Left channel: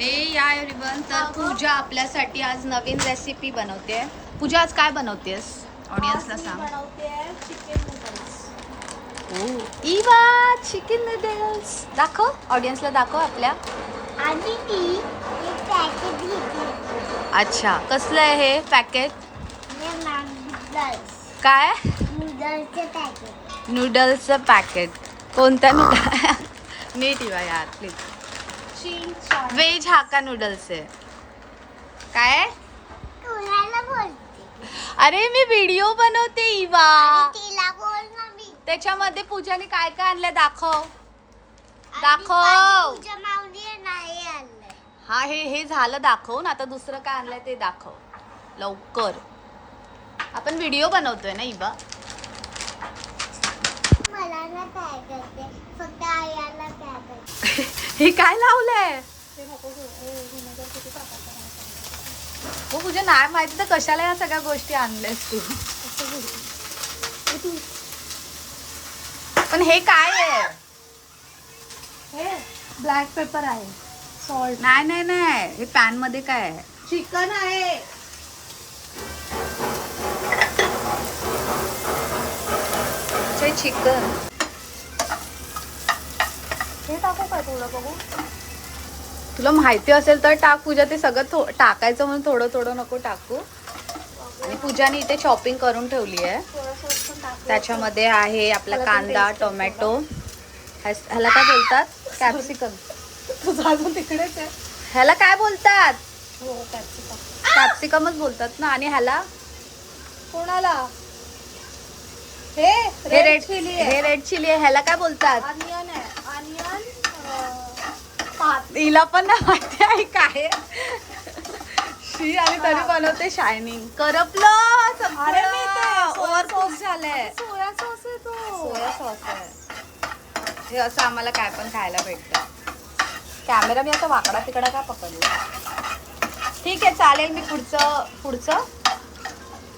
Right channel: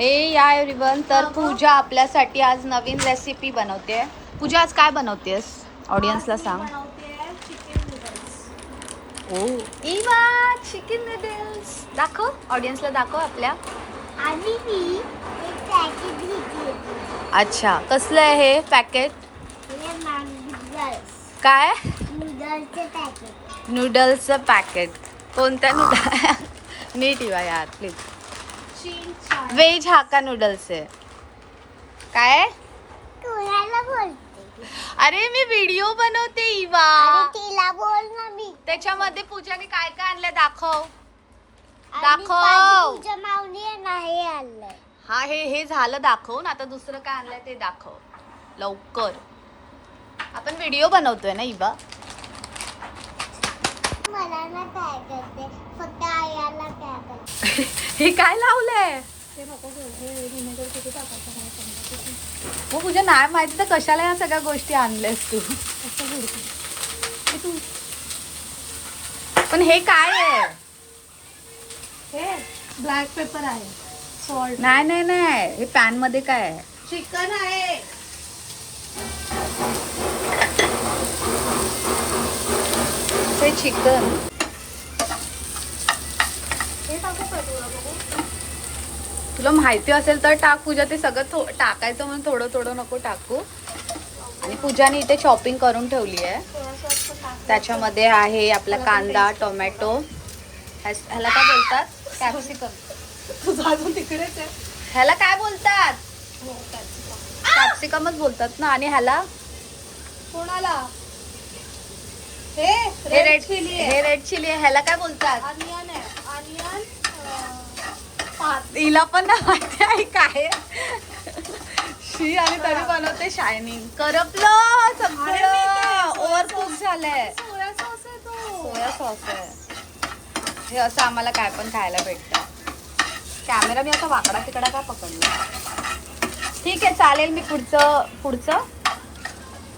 हे या एव्हरीवन, तर पूजा आपल्यासाठी आज नवीन रेसिपी बनवते. पूजा आज काय बनवतेस? ऑडियन्सला सांग. Chicken noodles. ओ इवा, चिकन नूडल्स दाखव, ऑडियन्सला दाखव आपल्या. आणि मी एक पॅकेट घेतली. अच्छा, कसलं आहे हे पॅकेट? नूडल्स. काय? नूडल्सचे पॅकेट. नूडल्सचं पॅकेट. कोणत्या नूडल? नीट इवा यार प्लीज. व्हेज हाक्का नूडल्स आहे. काय? तुला बोलते. अरे मी व्हिडिओ बनवते इवा. तिला बोल ना मी. त्याच्यामध्ये पूजाने काय काय आणलं दाखव. आणि दाखव. तुझ्या माऊलीने नाही आणलं. हा हे झालं दाखवून. आता दुसरं काय आणलंय ते दाखव लवकर. आपण व्हिडिओ बनवतोय ना इबा. मला ना काय करते, फक्त आयाला काय करते. हे काय लावलंय? हो पूजा, नाही माहिती तर कशाला या सगळ्या गोष्टी आणल्यास तू. पण हे काय आहे? हे ब्लॅक पेपर आहे, सॉल्ट. नाही नाही नाही, हे पॅन मध्ये काय आहे? चिकन आहे. हे चिकन. हे टाकू का तुला बघू? तुला माहिती असेल तर टाक पूजा. ते सगळं टाकायचं म्हणून थोडं थोडं नको टाकू. आणि पूजाने इथे शॉपिंग करून ठेवली आहे. त्याच्यामध्ये आहे आपला कांदा, टोमॅटो, ह्याला काय बोलतात? कॅप्सिकम. तुझा अजून तिकडेच आहे. ह्याला काय बोलतात? हो, कॅप्सिकम. कॅप्सिकमच बोलतात ना. आणि ह्याला कोणाला? हे रेड चिली. हे रेड चिली आहे. ह्याला काय बोलतात? अनियन आहे. अनियन. तिला पण नाही माहिती आहे काय शी. आणि तरी बनवते शायनिंग. करपलं सगळं, ओव्हर कुक झालंय. सोया सॉस आहे हे. असं आम्हाला काय पण खायला भेटतं. कॅमेरा मी आता वाकडा तिकडा का पकडला? ठीक आहे चालेल. मी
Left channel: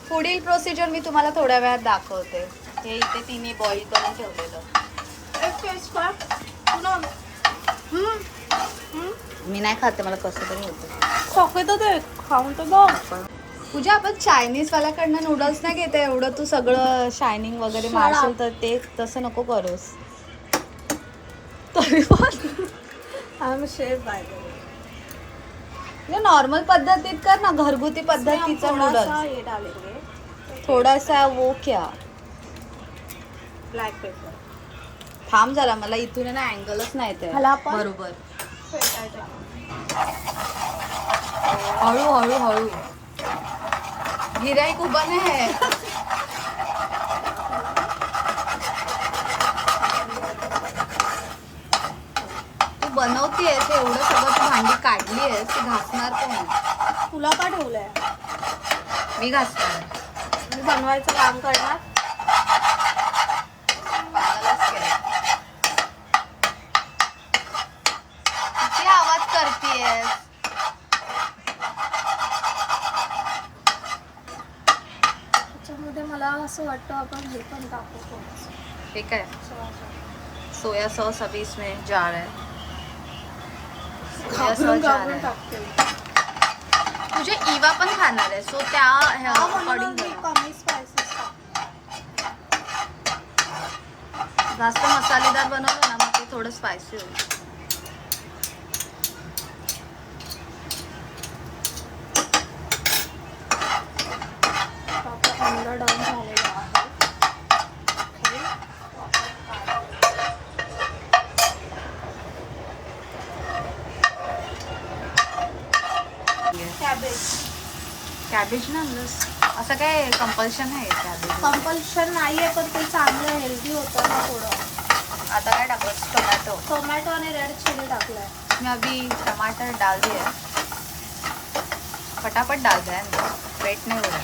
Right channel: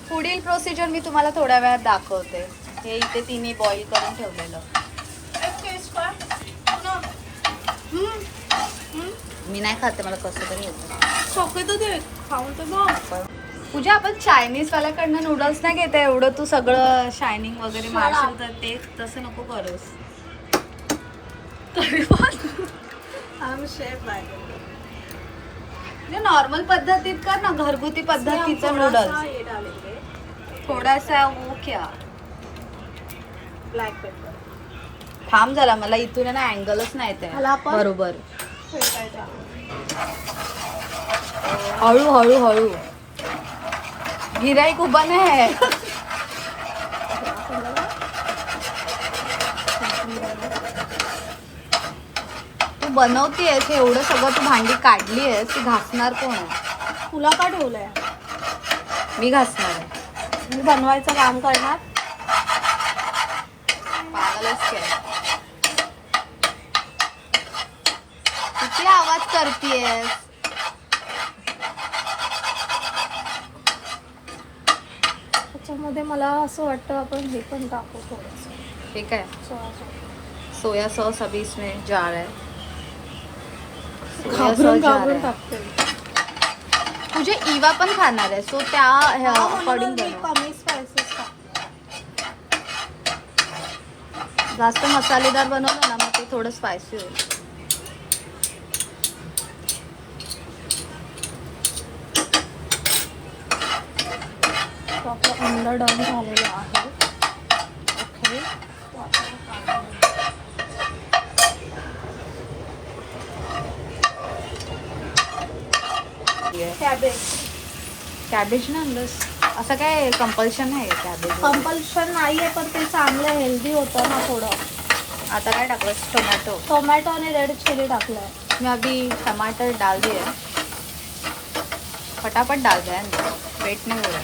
पुढील प्रोसिजर मी तुम्हाला थोड्या वेळात दाखवते. हे इथे तिने बॉईल करून ठेवलेलं. मी नाही खाते, मला कसं तरी होतं. खाऊन तर बघ. पूजा, आपण चायनीज वाल्याकडनं नूडल्स नाही घेते. एवढं तू सगळं शायनिंग वगैरे मारशील तर ते तसं नको करूस. तरी पण नॉर्मल पद्धतीत कर ना, घरगुती पद्धतीचा नूडल्स. थोडासा वो क्या ब्लॅक पेपर. थांब जरा, मला इथून आहे ना अँगलच नाही ते बरोबर. हळू हळू हळू. गिराईक उभा नाही. तू बनवतेस एवढं सगळं, तू भांडी काढली आहेस, ती घासणार कोण? तुला का ठेवलंय? मी घासणार आहे. मी बनवायचं काम करणार. पागलच केलं. किती आवाज करतेस? त्याच्यामध्ये मला असं वाटतं आपण हे पण टाकू थोडंसं. ठीक आहे. सोया सॉस अभी इसमें जा रहा है. सोया सॉस जा रहा है. तुझे इवा पण खाणार आहे, सो त्या अकॉर्डिंग बनव. कमी स्पायसेस टाक. जास्त मसालेदार बनवलं ना मग ते थोडं स्पायसी होईल. अंडा डन झालेला आहे. कॅबेज ना आणलंस? असं काय कंपल्शन आहे कॅबेज? कंपल्शन नाहीये, पण ते चांगलं हेल्दी होतं ना थोडं. आता काय टाकलं? टोमॅटो आणि रेड चिली टाकलंय. मैं अभी टमाटर डाल दिया, फटाफट डाल दिया, वेट नहीं हो रहा.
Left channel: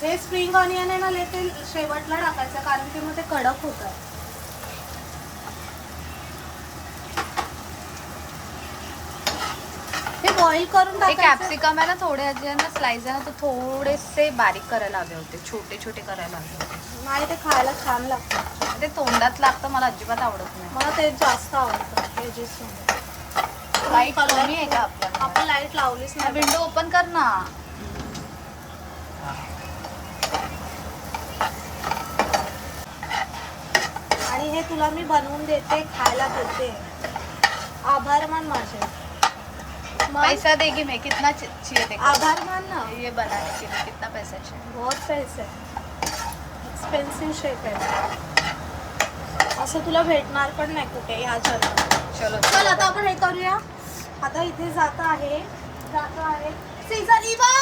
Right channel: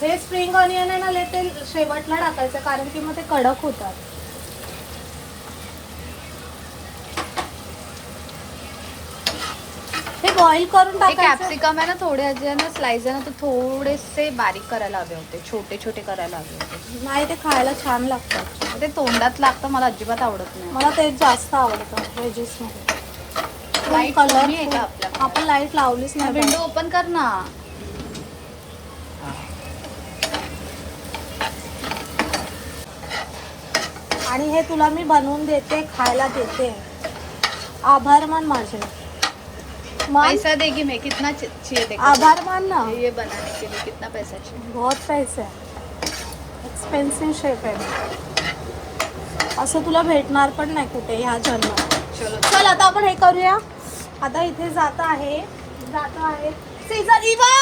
हे स्प्रिंग ऑनियन आहे ते शेवटला टाकायचं, कारण की मग ते कडक होतात. हे बॉईल करून हे टाकायचं. कॅप्सिकम आहे ना, थोडे जे ना स्लाइस आहे ना, तो थोडेसे बारीक करायला हवे होते, छोटे छोटे करायला हवे होते. नाही, ते खायला छान लागतं. ते तोंडात लागतं, मला अजिबात आवडत नाही. मला ते जास्त आवडतं व्हेजेस. लाईट कमी आहे का आपल्या? आपण लाईट लावलीच नाही. विंडो ओपन कर ना. आणि हे तुला मी बनवून देते, खायला देते. आभार मान माझे. मान. पैसा देगी मैं, कितना चाहिए देखो. आभार मान ना. ये बनाने के लिए कितना पैसा चाहिए? बहुत पैसे एक्सपेन्सिव्ह शेफ आहे. असं तुला भेटणार पण नाही कुठे ह्या जन्मात. चलो चल आता आपण हे करूया. आता इथे जातो आहे. सीझर इवा,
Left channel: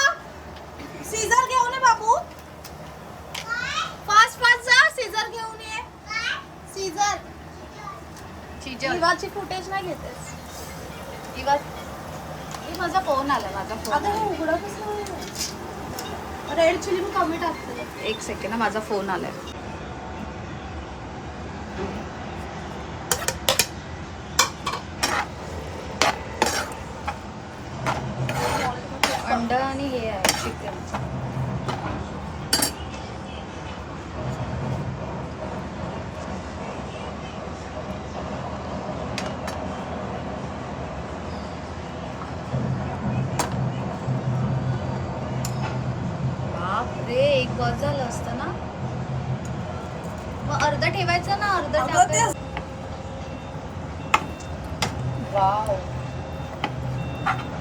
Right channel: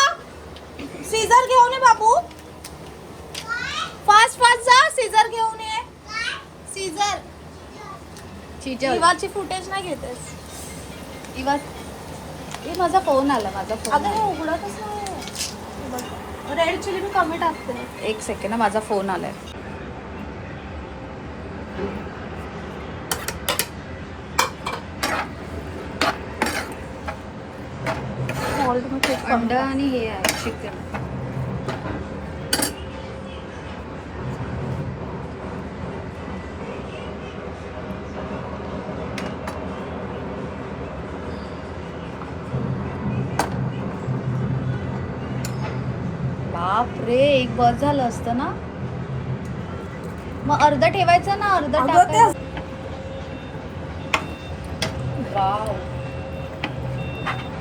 सीझर घेऊन ये बाबू. फास्ट फास्ट जा, सीझर घेऊन ये. सीझर. सीजल. इवाची फुटेज नाही घेतेस. इवा, ये माझा फोन आला. माझा फोन अगं आला. उघडतच नाही. रेड चिली मी कमी टाकते. एक सेकंड ना, माझा फोन आलाय. अंडा आणि हे आहे चिकन. बाप रे, एक बस झालं असतं ना. मग अर्धा ठेवायचं ना, अर्धा अगं टाकायचं. वाव,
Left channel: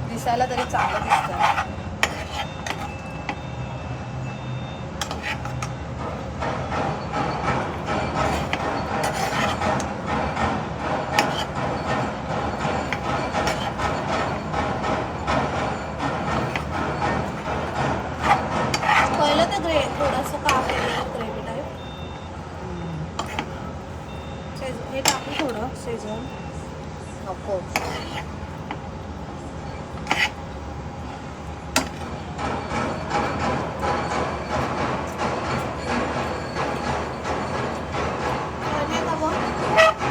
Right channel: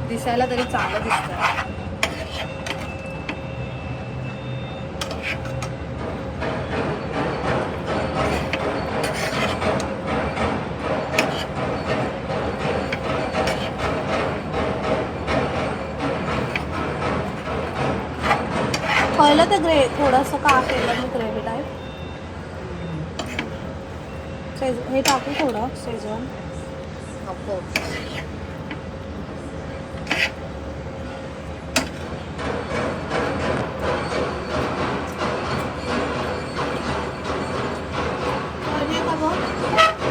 दिसायला तरी चांगलं दिसतंय. पहिलं ते थोडंसं का केलं ग्रेव्ही टाईप. हे टाकू थोडं शेजवान. नको.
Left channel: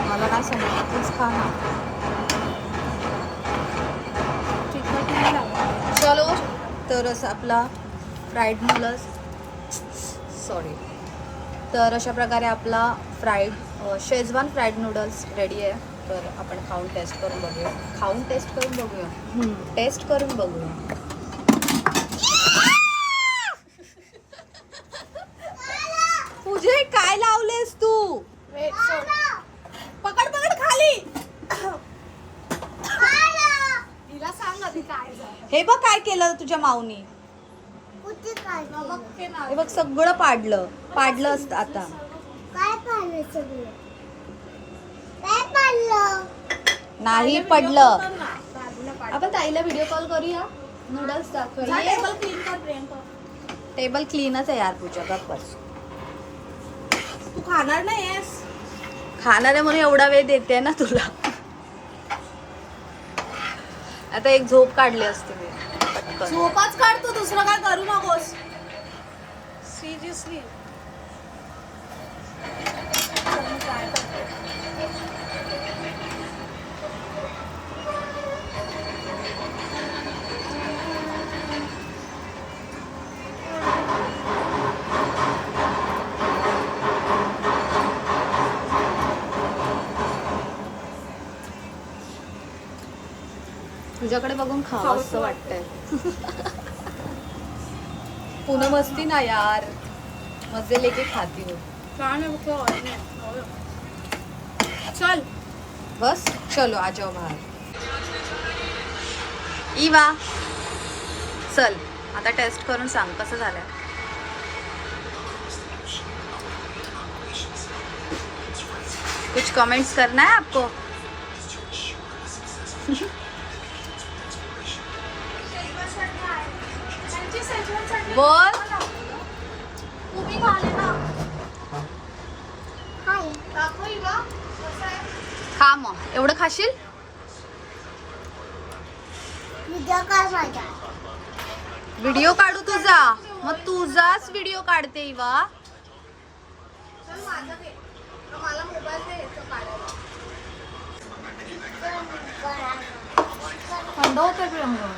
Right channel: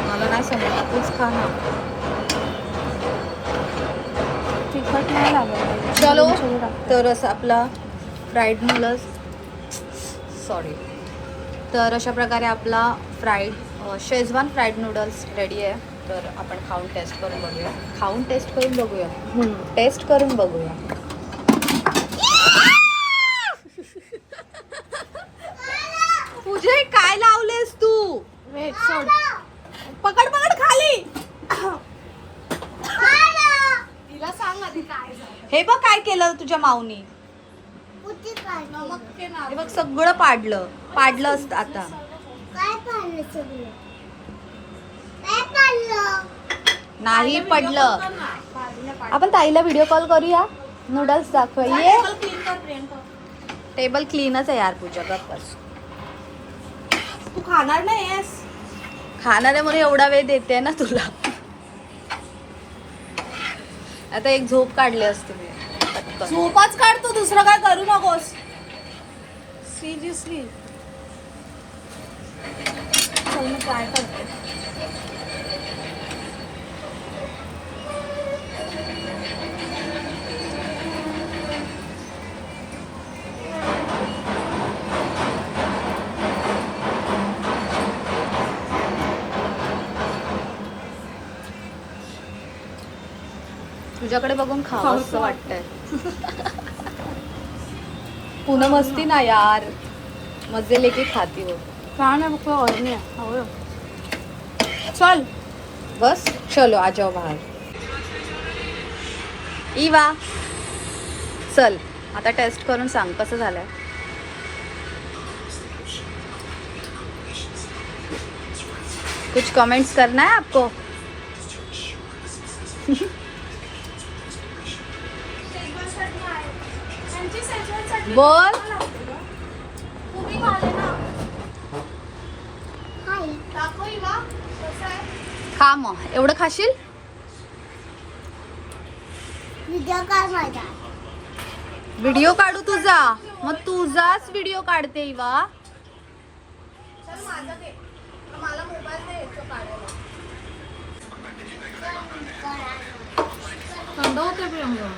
मला नाही समजलं, तूच खा ना. तिखट नाही लागत. चलो, तर असं आपला फ्राईड नूडल्स, सॉरी, तर अशा प्रकारे आपला शेजवान फ्राईड नूडल्स रेडी आहे. तर आपण खाऊन टेस्ट करून बघूया. टेस्ट करून बघूया. तुझे काय लावलेस तू? वेट सोड. पकड खाली. तिला सांग आधी काय झालं. हे बघ काय केलं तुझ्या माऊनी. हे बघ सगळं पाडलं असतं आता. नाही पडलं. आपण ताईला व्हिडिओ कॉल करूया, नूडल्स दाखवूया. टेबल क्लीनच आहे यार पूजा. बस तू खाणार नाहीस. खाणार आहे म्हणून एवढा वेळ देते ना तुला. आता एक झोप काढली असते मी पटकन. झोपच काढतो, दुसरं काय करू नकोस. सिरियसली काय करते. तुझ्याकडे बघून खावं असं वाटतंय. पुन्हा मस्ती ना यार, मजे लेके खाती हो. छान आहे. और नाही चल बस. चलो आ जाओ बाहर. इवा चल, आता टेस्ट करून सांग कसं झालंय. कुछ कमेंट्स करना है आपको? बोल. खा मग. एवढं खाशील? व्हिडिओ काढू तुझा. मग तुझाच व्हिडिओ काढते इवा. थंड होते प्रियंका.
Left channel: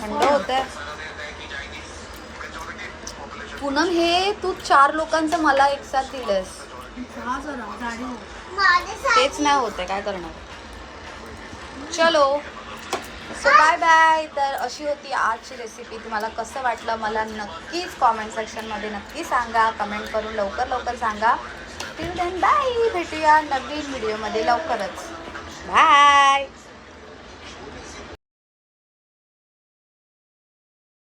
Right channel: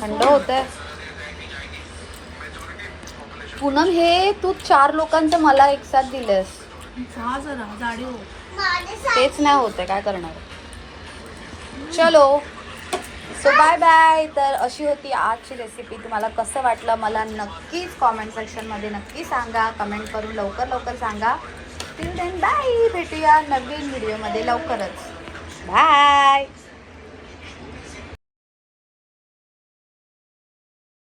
थंड होतंय. पूनम हे तू 4 लोकांचं मला एक साथ दिलंस. खा जरा जाडी हो. तेच नाही होत आहे, काय करणार. चलो सो बाय बाय. तर अशी होती आजची रेसिपी. तुम्हाला कसं वाटलं मला नक्कीच कॉमेंट सेक्शनमध्ये नक्की सांगा. कमेंट करून लवकर सांगा. Till then bye. भेटूया नवीन व्हिडिओमध्ये लवकरच. बाय.